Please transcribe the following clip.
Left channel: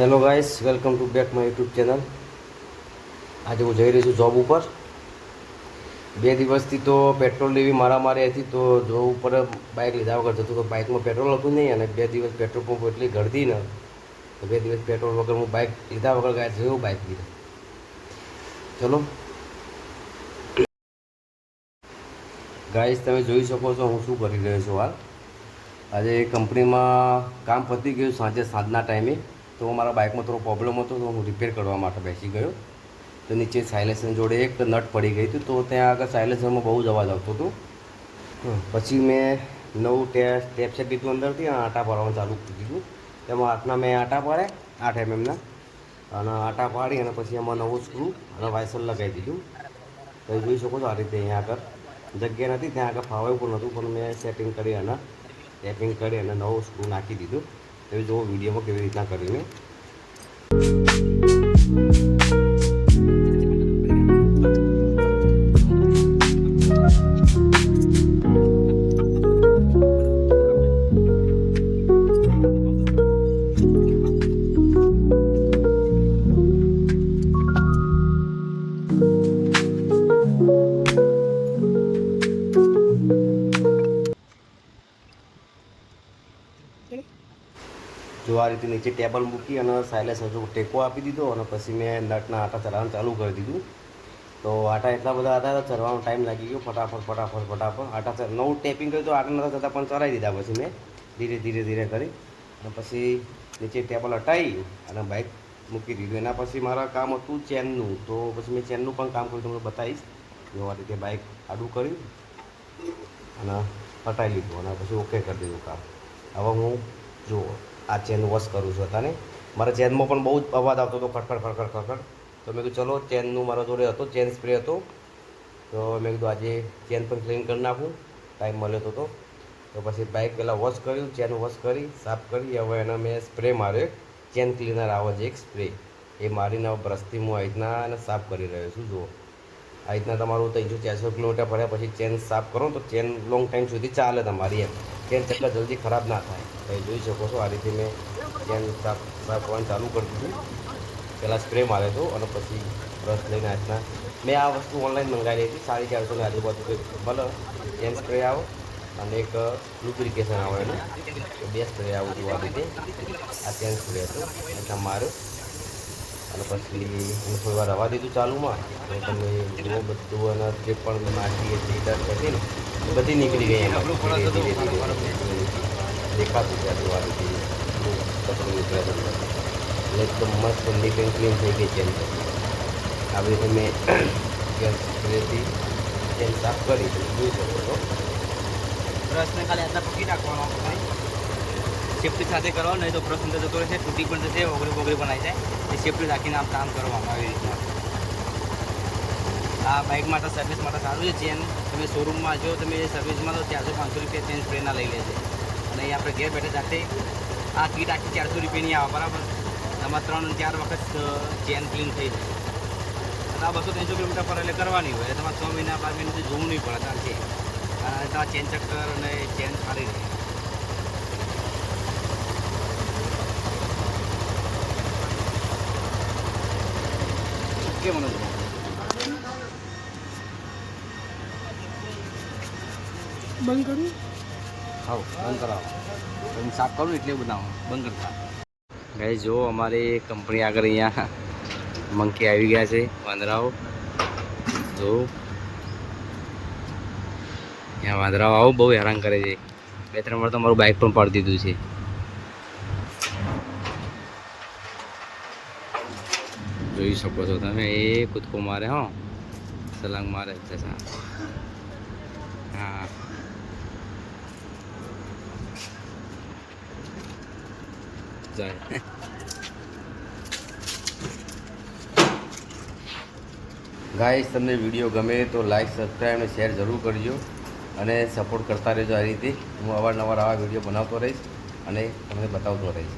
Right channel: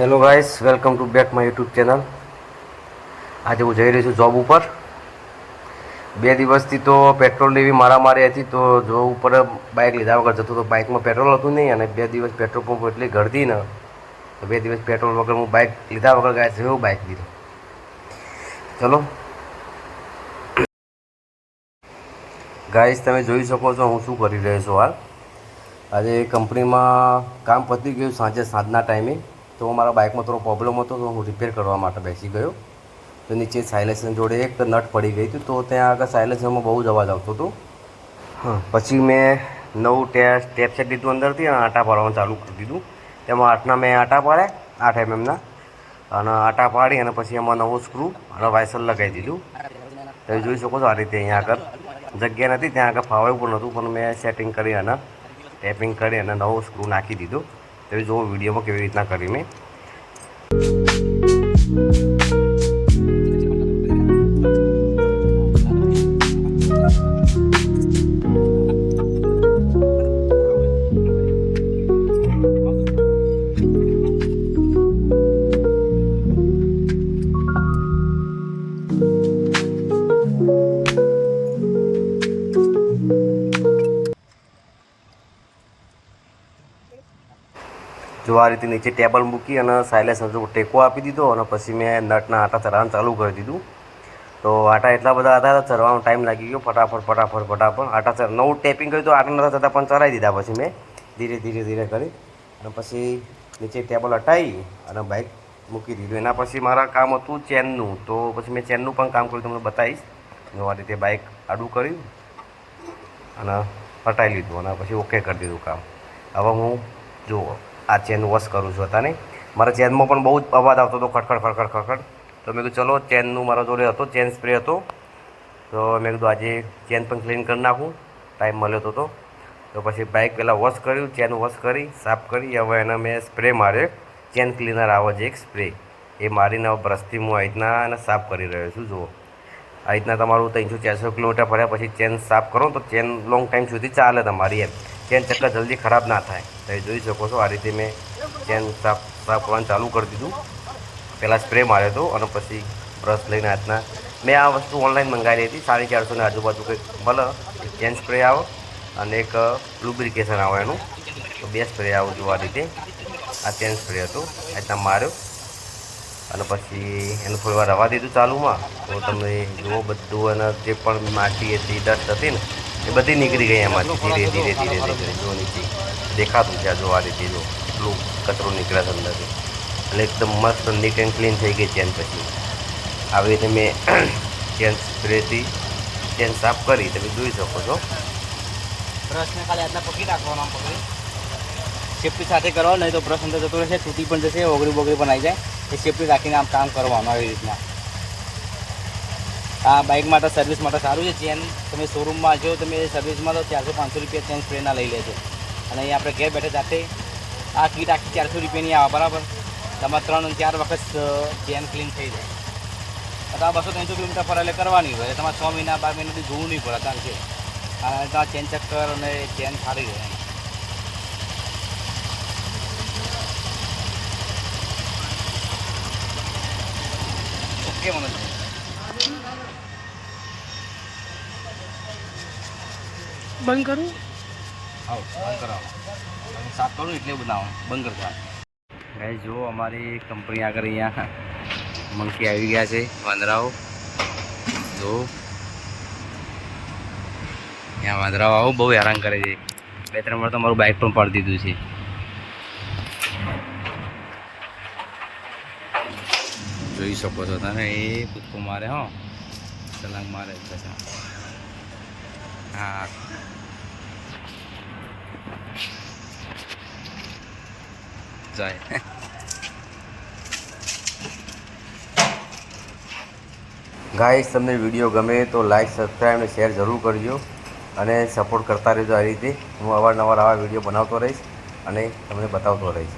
Hello guys, welcome to back my YouTube channel. આજે હું જઈ રહ્યો છું જોબ ઉપર. 2 દિવસથી તો પેટ્રોલની એવી મારામારી હતી, તો જોબ ઉપર બાઇક લીધા વગર જતો તો બાઇકમાં પેટ્રોલ હતું નહીં, અને 2 દિવસ પેટ્રોલ પંપ એટલી ગળદી ને તો 2 દિવસ પેટ્રોલ વગર હું બાઇક લીધા વગર ગાય જેવું બાઇક લીધું. ચલો ગાઈસ, તમે જોઈ શકો છો હું શું કરી રહ્યો છું હાલ. આજે કંપનીમાં કામ પતી ગયું સાંજના ટાઈમે. તો મારા બાઇકમાં થોડો પ્રોબ્લેમ હતો, તો હું રિપેર કરવા માટે બેસી ગયો. તો નીચે સાયલેન્સર જોડે એક નટ પડી ગઈ હતી, તો ત્યાં આગળ સાયલેન્સરમાં બહુ જ અવાજ આવતો હતો. હા, પછી મેં નવું સ્ટેપ સેટ લીધું અંદરથી અને આટા પાડવાનું ચાલુ કરી દીધું. તેમાં 8ના મેં આટા પાડ્યા, 8 mm અને આટા પાડી અને પછી એમાં નવું સ્ક્રૂ અને વાયસર લગાવી દીધું. તમે જોઈ શકો છો આ રીતે. અહીંયા આગળ જગ્યા નથી, ત્યાં આગળ ફાવે પણ નહોતું, પણ મેં સેટિંગ કરી અને ટેપિંગ કરી અને નવો સ્ક્રૂ નાખી દીધો. તમે જુઓ વિડીયોમાં કેવી રીતના કરી મેં. જો આ રીતે નીચે ટેબલ મૂકી અને સાયલેન્સર જો ટેકો આપી દીધો, અને પછી મેં નટના આટા ચલાવવાનું ચાલુ કરી દીધું. તો આટા એટલા બધા હતા, ચરવાનો ટાઈમ લાગી ગયો. ફટાફટ આટા નવું ટેપિંગ કર્યું તો આટા નતા થતા, પણ ચરાવી દીધા. પછી મેં ધીરે ધીરે અને પછી નીચે ટેબલ હટાવી અને બાઇક મૂકી દીધું. એના પછી મારા કામ હતું ચેનનું, તો પછી મેં ચેનનું પણ કામ કર્યું, તમને બતાવીશ. આ રીતે બાઇક આડું કર્યું અને હટાવી લીધું અને પછી ઓકે કરી દીધું કામ. હવે હું જુઓ આ ચેન વોશ કરું છું. હતા નહીં, મારા ચેનમાં પણ બહુ જ અવાજ આવતો હતો, ખડખડ. તો મેં કીધું ચલો, ચેનનું મારા જોડે હતો, ચેન સ્પ્રે હતો, તો મેં કીધું આજે ચેન પણ ક્લીન કરી નાખું. ટાઈમ મળ્યો હતો તો પછી બાઇક પહેલાં વોશ કર્યું, ચેન વોશ કરી, સાફ કરી. હવે એને મેં સ્પ્રે માર્યો, ચેન ક્લીનર આવે છે એક સ્પ્રે, એ મારીને હવે બ્રશથી હું આ રીતના એને સાફ કરી રહ્યો છું. જુઓ આ રીતના તમારું 300-400 કિલોમીટર ફર્યા પછી ચેન સાફ કરો તો ચેન લોંગ ટાઈમ સુધી ચાલે તમારી. એમ ચેન ચકલા જલ્દી ખરાબ ના થાય. તમે જોઈ શકો છો આ રીતે મેં ચેન સાફ કરવાનું ચાલુ કરી દીધું. પહેલાં સ્પ્રે માર્યો હતો અને પછી બ્રશ લઈને હાથના. મેં આ વસ્તુ ઓનલાઈન મંગાવેલી હતી, 450ની આજુબાજુ કંઈક ભલે. ચેન સ્પ્રે આવે અને એક લુબ્રિકેશન આવે એનું, તો 2 સ્પ્રે આવું છું. આ રીતે આ ચેન સ્પ્રે હતો, આ રીતના માર્યો અને પછી એને થોડી વાર રવા દીધું ચાલુમાં. તો તમે જુઓ બધું, અને જે પણ માટી હતી, ડસ્ટ હતી ને, એ બધી નીકળી ગઈ એમાંથી ધીરે જો નીચે દેખાતું છે. આ જો આ રીતે જો એટલું કચરો નીકળ્યા છે અંદરથી, એટલે એકદમ મસ્ત નીટ એન્ડ ક્લીન થઈ ગઈ ચેન. પછી આવી રીતે મેં ચેન સ્પ્રેથી ચેન સાફ કરી, તમે જોઈ શકો છો. બ્રશને ખાલી હાથમાં પકડી રાખવાનો, સેફ્ટી સાથે કરો, નહીં તો બ્રશ અંદર જતો રહેશે, તૂટી પણ જશે, ઓગળી પણ આવી જાય. એ સેફ્ટી રાખીને આમ કામ કરવાનું આવી રીતના. આ બાઇક માટે સર્વિસ માટે સારું છે. ચેન તમે શોરૂમમાં જો તમે સર્વિસમાં તો 400-500 રૂપિયા ચેન સ્પ્રેના લઈ લેજો. અને અહીં આપણે ઘેર બેઠે જાતે આ કીટ આખી 400 રૂપિયાની આવે, બરાબર. તમારે 3-4 વખત ચેન ક્લીન થઈ જાય. આ 200-300 કિલોમીટર પર એટલે કરવાની હોય. તમારે 6 મહિના 12 મહિનાથી જોવું નહીં પડે, કારણ કે તમારે ચેન ચક્કર અને ચેન સારી રહે. ઓકે મને બંધ કરું? હા, બંધ કરાવો. હું સાફ કરું એટલે બનાવો, બંધ કરવા. ભાઈ જો અમારી કંપની આગળ અહીંયા મંકી આવી ગયા છે, વાંદરાઓ. જો અહીંયા વાંદરાઓ આવું બહુ હેરાન કરે છે. 2-3 વાર તો મારું બાઇક પણ પાડી દીધું છે. જોઈ શકો છો તમે, એ કૂદકો મારે, હો છલાંગ મારે. હા, જાય. ગાઈસ, તમને વિડીયો ગમે તો લાઈક, સબસ્ક્રાઈબ અને શેર જરૂર કરજો, અને સપોર્ટ કરતા રહેજો. આ રીતે હું અવારનવાર આવા વિડીયો બનાવતો રહીશ અને તમને બતાવતો રહીશ.